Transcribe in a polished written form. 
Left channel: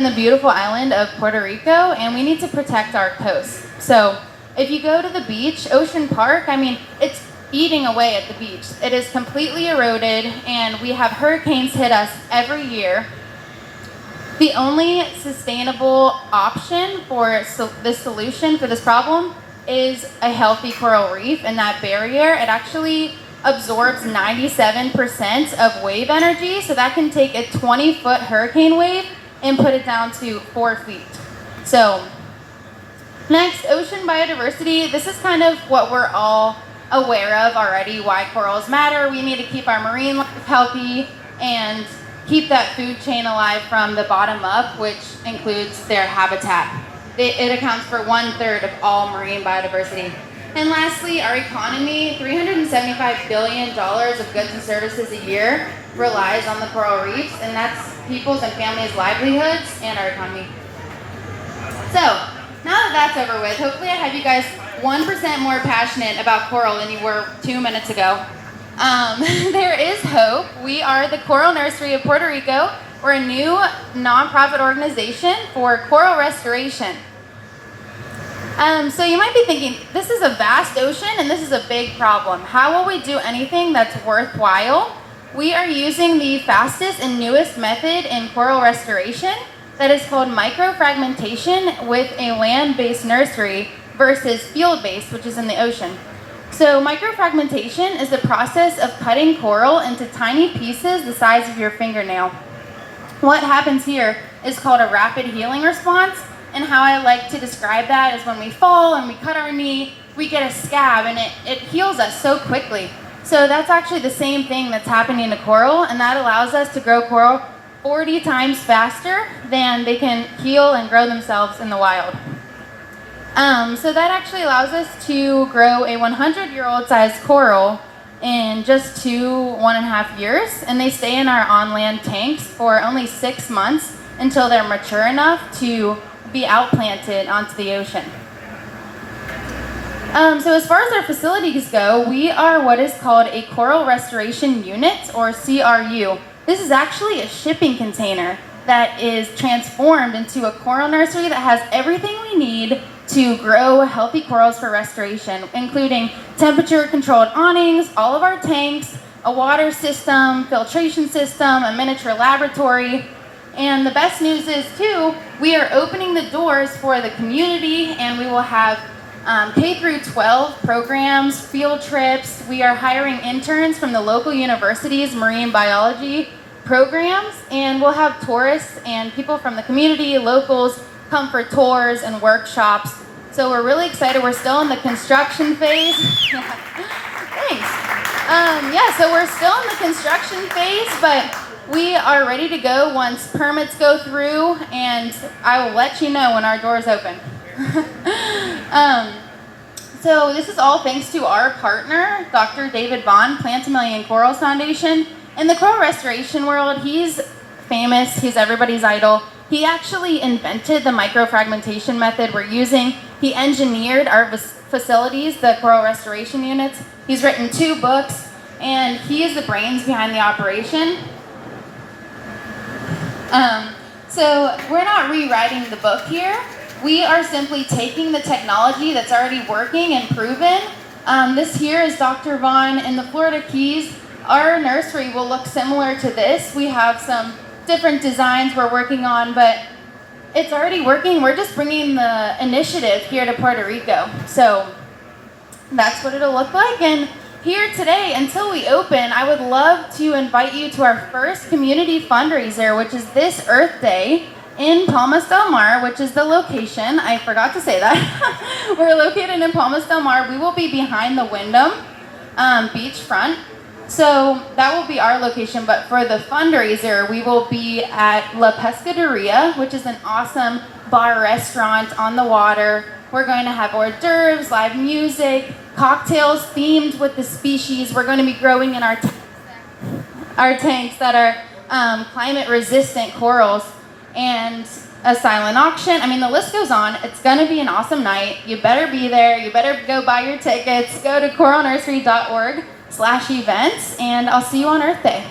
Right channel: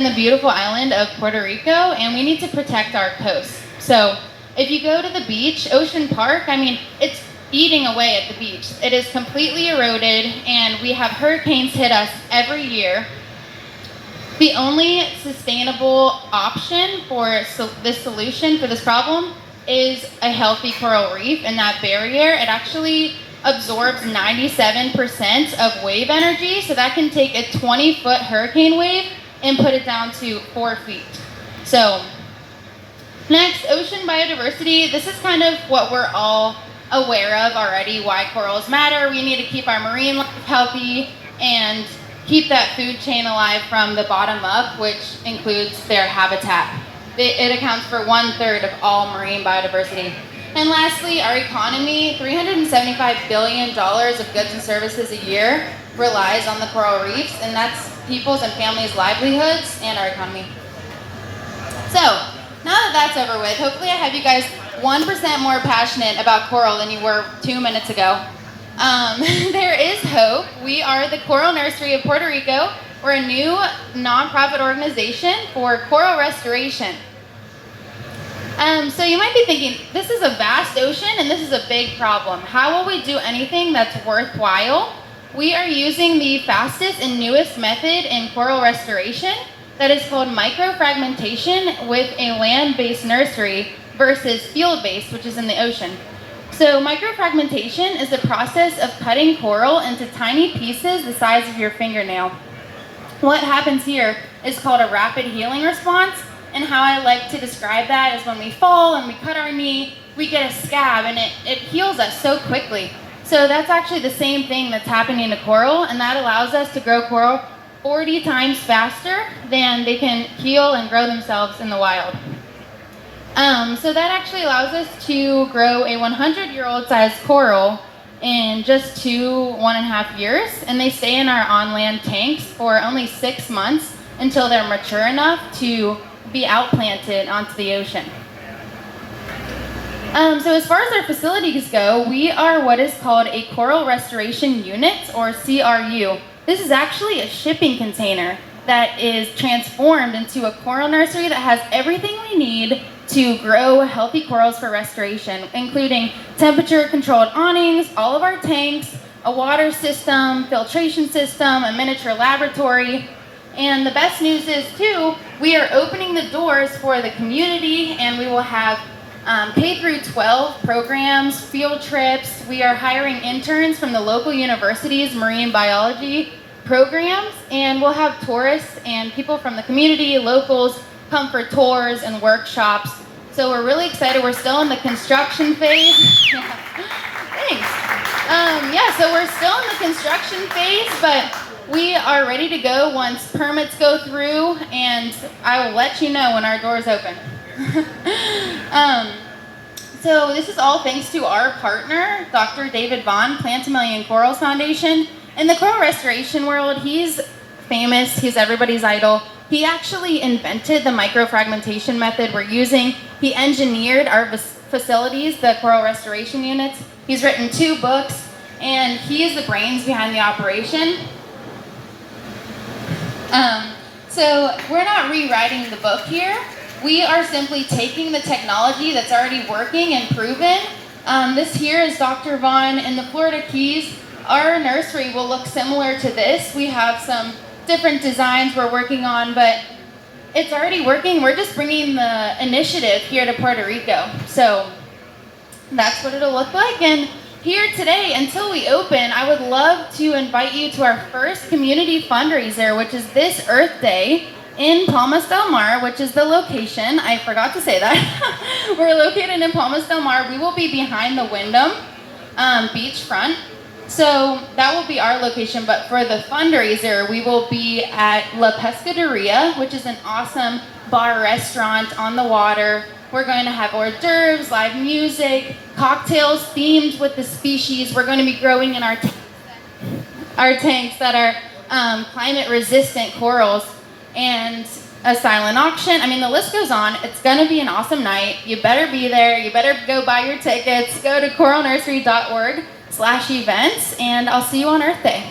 in the beautiful island of Puerto Rico, and we need to protect our coast. So if you go to the beach, Ocean Park, I mean, it's eating away at the beach. It is completely eroded, and we have hurricanes hit us every year. The only sustainable option for this solution for this problem is a healthy coral reef, and that barrier, it actually absorbs 97% of wave energy, so that can take a 20-foot hurricane wave and put it down to 4 feet. So next, ocean biodiversity. This is kind of what we're all aware of already, why corals matter. We need to keep our marine life healthy and keep that food chain alive from the bottom up, which includes their habitat. It accounts for 1/3 of all marine biodiversity. And lastly, our economy, $375 billion of goods and services a year relies on the coral reefs, and that's people's and families' livelihoods and our economy. So, now that that's over with, hopefully I have you guys 1% more passionate about coral than you were 2 minutes ago. There is hope. We are the Coral Nursery of Puerto Rico. We're a new nonprofit organization for coral restoration. So you might be thinking, this is a vast ocean and this is a big problem. How will we do anything that's worthwhile? We are using the fastest and newest method in coral restoration that is called microfragmentation with a land-based nursery versus field-based, which is in the ocean. So microfragmentation is the process of cutting coral into tiny pieces the size of your fingernail. What happens here is called a rapid healing response, and how I like to describe that is when we fall and we cut our knee, we get a scab and it heals us so quickly. So that's actually the same thing that's happening to coral, and that allows us to grow coral 40 times faster than they can heal and grow themselves in the wild. So that actually allows us to grow a 100-year-old sized coral in just 1.5 years, and they stay in our on-land tanks for only 6 months until they're mature enough to be outplanted onto the ocean. So as far as our facilities go, we are what is called a Coral Restoration Unit, or CRU. This is actually a shipping container that is transformed into a coral nursery that has everything we need to grow healthy corals for restoration, including temperature-controlled awnings, all of our tanks, a water system, filtration system, a miniature laboratory. And the best news is, too, we are opening the doors for the community, and we will have K-12 programs, field trips. We are hiring interns from the local university's marine biology programs, and we'll have tourists and people from the community, locals, come for tours and workshops. So we're really excited. We're still in the construction phase. Thanks. So we're still in the construction phase, but we are ready to go once permits go through, and I will let you know when our doors open. So this is all thanks to our partner, Dr. David Vaughn, Plant a Million Corals Foundation. In the coral restoration world, he's famous. He's everybody's idol. He actually invented the microfragmentation method we're using. He engineered our facilities, the coral restoration units. He's written 2 books, and he is the brains behind the operation. So we're not rewriting the book here. We are simply taking the technology that's already working and proven. This here is Dr. Vaughn in the Florida Keys. Our nursery will look similar to this. We have some different designs we're working on, but it's already working. We're just bringing the initiative here to Puerto Rico. So that's what it'll look like. And here today, until we open, I would love to invite you to our first community fundraiser, which is this Earth Day in Palmas del Mar, which is the location. I forgot to say that. We're located in Palmas del Mar. We will be behind the Wyndham beachfront. So that will be our location, but for the fundraiser, we will be at La Pescaderia, which is an awesome bar restaurant on the water. We're going to have hors d'oeuvres, live music, cocktails themed with the species we're going to be growing in our tanks that are climate-resistant corals, and a silent auction. I mean, the list goes on. It's going to be an awesome night. You better be there. You better go buy your tickets. Go to coralnursery.org/events, and I'll see you on Earth Day.